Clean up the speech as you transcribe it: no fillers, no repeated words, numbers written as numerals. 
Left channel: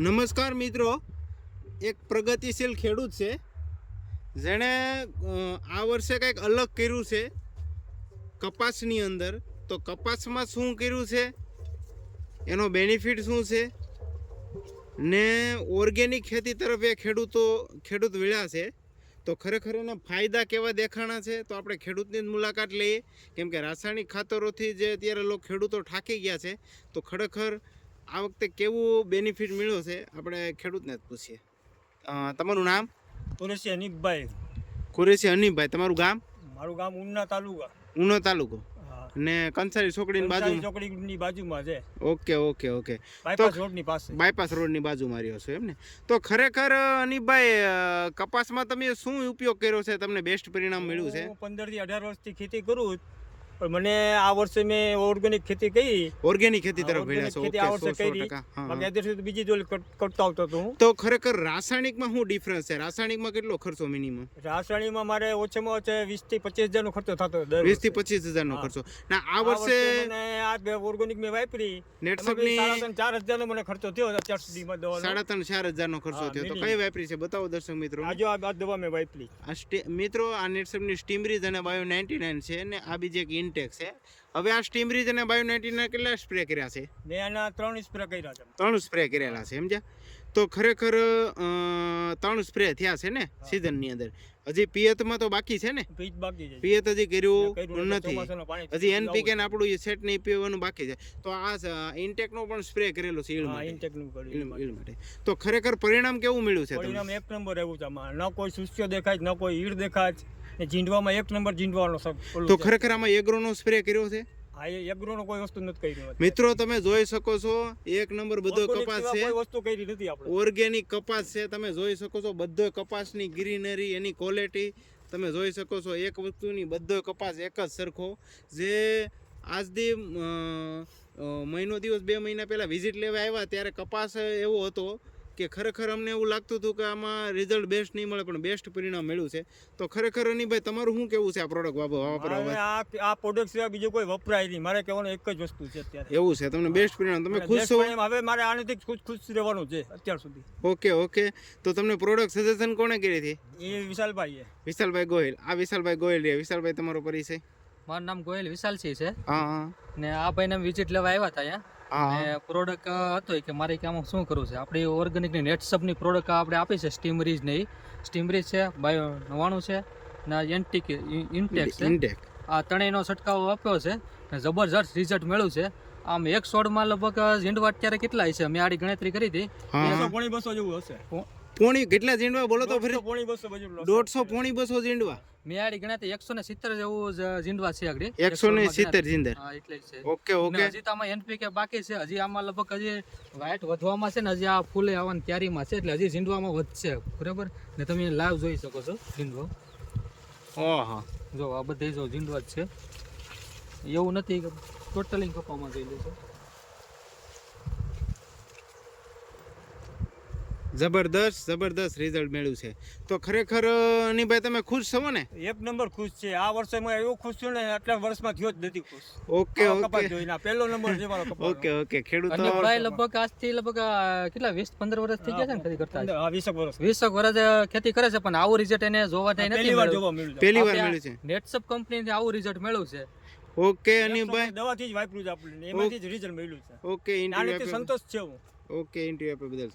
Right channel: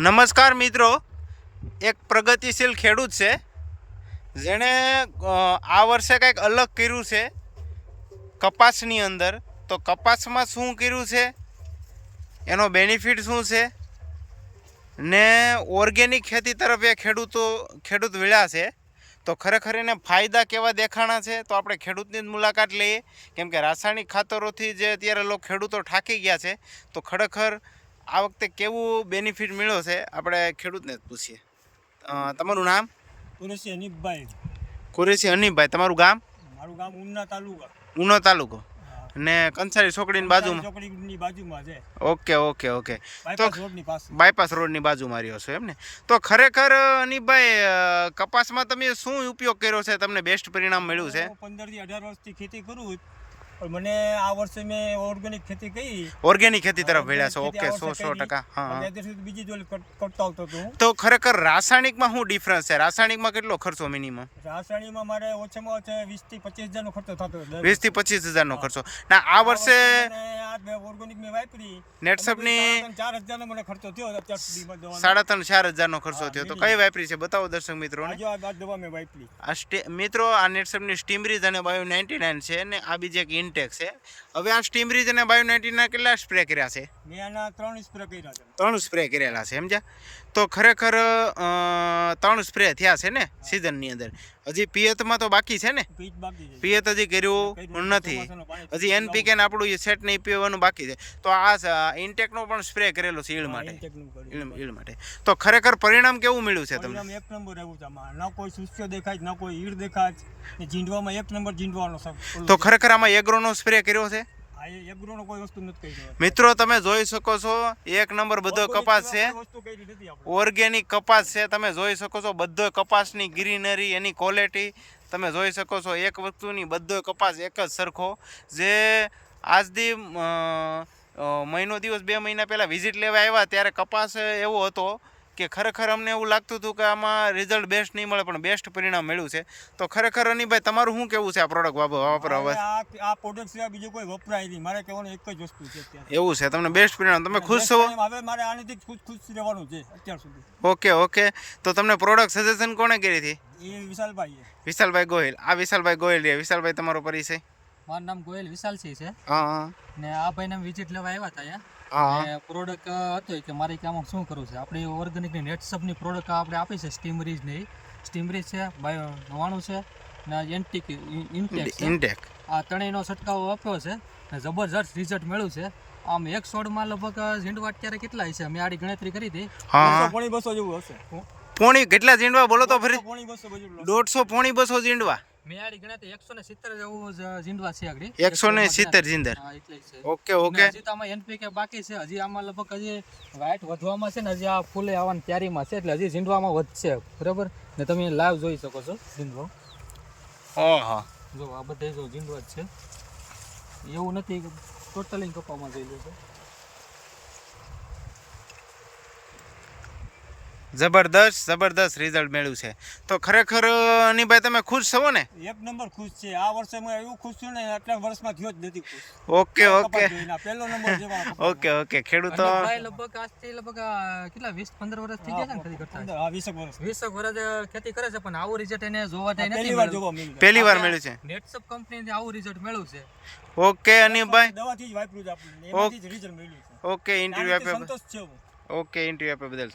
નમસ્કાર મિત્રો, એક પ્રગતિશીલ ખેડૂત છે જેણે આ વર્ષે કંઈક અલગ કર્યું છે કપાસની અંદર. તો કપાસમાં શું કર્યું છે, એનો બેનિફિટ શું છે ને ઓર્ગેનિક ખેતી તરફ એ ખેડૂત વળ્યા છે. તો ખરેખર એને ફાયદા કેવા દેખાણા છે, તો આપણે ખેડૂતની જ મુલાકાત લઈએ. કેમ કે રાસાયણિક ખાતરોથી જે અત્યારે ખેડૂતો થાકી ગયા છે, તો ખરેખર આ વખતે કેવું બેનિફિટ મળ્યો છે આપણે ખેડૂતને જ પૂછીએ. તમારું નામ? કુરેશી હનીફભાઈ. કુરેશી હનીફભાઈ. તમારું ગામ? મારું ગામ ઉના તાલુકા. ઉનો તાલુકો ને કંસારી ચોકડીની બાજુમાં? ચોકડીની બાજુમાં છે. Okay okay okay. તો રોડની પાસે, બાયપાસ રોડની બાજુમાં રહ્યો છો એમ ને? તો ખરેખર હનીફભાઈ, કપાસમાં તમે શું ઉપયોગ કર્યો છે, તમને બેસ્ટ પરિણામ મળ્યું છે? 15 થી 18 વર્ષથી ખેતી કરું, પણ મને આ વર્ષે મેં ઓર્ગેનિક ખેતી કરી. ઓર્ગેનિક ખેતી તરફ વળ્યા છો? ઓકે, 100%. હા, બીજી જોઈ કરતો આવતો હતો હું. તો ખરેખર રાસાયણિકમાં શું ડિફરન્સ છે? રાસાયણિકમાં કેટલો ખર્ચો મિનિમમ? રાસાયણિકમાં મારે ઓછામાં ઓછા 20 થી 25 હજારનો ખર્ચો થતો. 20 થી 25 હજારનો ખર્ચો. ના, આ વર્ષે આ ઓર્ગેનિક મેં વાપરી, નેટસપની 4,000 નો મને ખર્ચો થયો અત્યાર સુધીમાં. 3,500-4,000 નો ખર્ચો થયો. તો કઈ વાપરી છે બતાવો દર્શક મિત્રો. આ દવા મેં વાપરી. મિત્રો, આ નેટસપની સ્ટીમરીજ અને બાયો 99 છે ને આ બીજી એક ઇન્ટેક છે. હવે આ સ્ટીમરીજ અને બાયો 99 કેટલા સ્પ્રે કર્યા છે? મેં આના 3 સ્પ્રે કર્યા છે. 3 સ્પ્રે કરેલા છે, સમજ્યા? તો ખરેખર 3 સ્પ્રે થયા છે ને સિઝનની અંદર. હજી પિયતમાં તો બાકી છે ને? પિયત હજી કર્યું નથી. હજી એનપીકે ને આપણું સેટ નહીં પીવાનું બાકી છે. તો આ ઇન્ટેકનો પણ સ્પ્રે કરેલો છે ઈળ માટે. તો ખરેખર પરિણામ કેવું મળ્યું છે તમને? એક નંબર એવું છે. આમાં ન કોઈ સુસ્યો દેખાય, ન કોઈ ઈળ દેખાય, ને જીંડવામાં એક નંબર જીંડવાનો. તો ખરેખર આમાં એગ્રોનો સ્પ્રે કર્યો છે? એગ્રોનો કોઈ વસ્તુ નથી કરી. મિત્રો, તમે જોઈ શકો છો, એક નંબર બધો કપાસ છે, ઓર્ગેનિક કપાસ છે. તમે જોઈ શકો છો બધો કપાસની ગ્રીનરી, એની ક્વોલિટી તમે જોઈ શકો છો. એક વસ્તુની બધો કપાસ એક જ સરખો. જે આજથી મહિનો દિવસ 2 મહિના પહેલાં વિઝિટ લેવા આવ્યા ત્યારે કપાસ એવો હતો કે ખરેખર અમને એવું લાગતું હતું કે આમાં રિઝલ્ટ બેસ્ટ નહીં મળે, પણ બેસ્ટ પરિણામ મળ્યું છે. તો ખરેખર હનીભાઈ, તમારું શું કેવું છે આ પ્રોડક્ટ વાપરવા? આ પ્રોડક્ટ સિવાય બીજું કોઈ વપરાય નહીં. મારે કહેવાનું એક જ વસ્તુ છે અત્યારે. એવું છે? તમને બેસ્ટ પરિણામ, તમે ખુશ છો? હવે મારે આનાથી ખુશ રહેવાનું છે અત્યાર સુધી. Okay okay. તો તમને પ્રોડક્ટ સજેશન કોણે કરી હતી? એ વિશાલભાઈ. વિશાલભાઈ ગોહિલ. આ વિશાલભાઈ ગોહિલ છે. વિશાલભાઈ, તમારો પરિચય? મારું નામ ગોહિલ વિશાલસિંહ છે. હા. ને આ ભાઈને વિઝિટ લેવા આવ્યા હતા અહીંયા. પ્રોડક્ટ હતો કે મારે કે આમાં શું કરવું છે. આપણી ઓર્ગેનિકની નેટસપની પ્રોડક્ટ આપણે આપી છે. સ્ટીમરીજ ને સ્ટીમરીજ છે, બાયો 99 છે ને ઇન્ટેક. આ ત્રણેયનો છંટકાવ આપ્યો છે ને જબરજસ્ત રિઝલ્ટ મળ્યું છે. આમ 1 છોડમાં લગભગ ઝીંડવા અત્યારે કેટલા છે? મેં આડી ગણતરી કરી હતી. 200 જેવું હશે. પોણી કેટલા ઝીંડવા બોલો તો ફરી? 150 પોણી 200 ઝીંડવા. મેં આડી ગણતરી 170 જેવું ઝીંડવા છે આગળ. 170 ઝીંડર. હા, એટલે છે. Okay okay. હજી તો આમાં એનપીકે બાકી છે. હજી આમાં લગભગ હજી વાઇટ વધવામાં છે ને, હજી આ ફૂલે આવવાની તૈયારીમાં છે, એટલે હજી ઝીંડવામાં વધશે. બરાબર ને? તમે લાઈવ જોઈ શકો છો ઝીંડવો. ઓહો, જો આ બધે જો ઝીંડવા જ છે. એવું નથી કે ટોટલી કપામાં જોઈ લેજો. જબરદસ્ત રિઝલ્ટ મળ્યું છે. તો ખરેખર હનીભાઈ, તમે ખુશ છો ને? એક નંબર ખુશ છે. આ વર્ષે હું એવું ખુશ છું ને, આટલા વર્ષમાં થયો જ નથી ખુશ. Okay okay. પહેલો નંબર છે મારો. Okay okay. ખેડૂતો લગભગ આજથી લગભગ કેટલા 20-15 વર્ષ થઈ ગયા છે ને ખેતી કરતા? હા, 20 વર્ષ ખેતી કરે છે, પણ આવું રિઝલ્ટ એને જોવા નથી મળ્યું. પહેલી વાર મળ્યું છે. નેટસપ કંપનીથી આવું રિઝલ્ટ મળ્યું છે. ઓકે હનીભાઈ, દવાથી જ વાપર્યું છે આપણે, એમાંથી જ રિઝલ્ટ મળ્યું છે. ઓકે, ઇન્ટરવ્યુ આપ્યો. સંતોષ છે. ઓકે, ઇન્ટરવ્યુ આપ્યો બદલ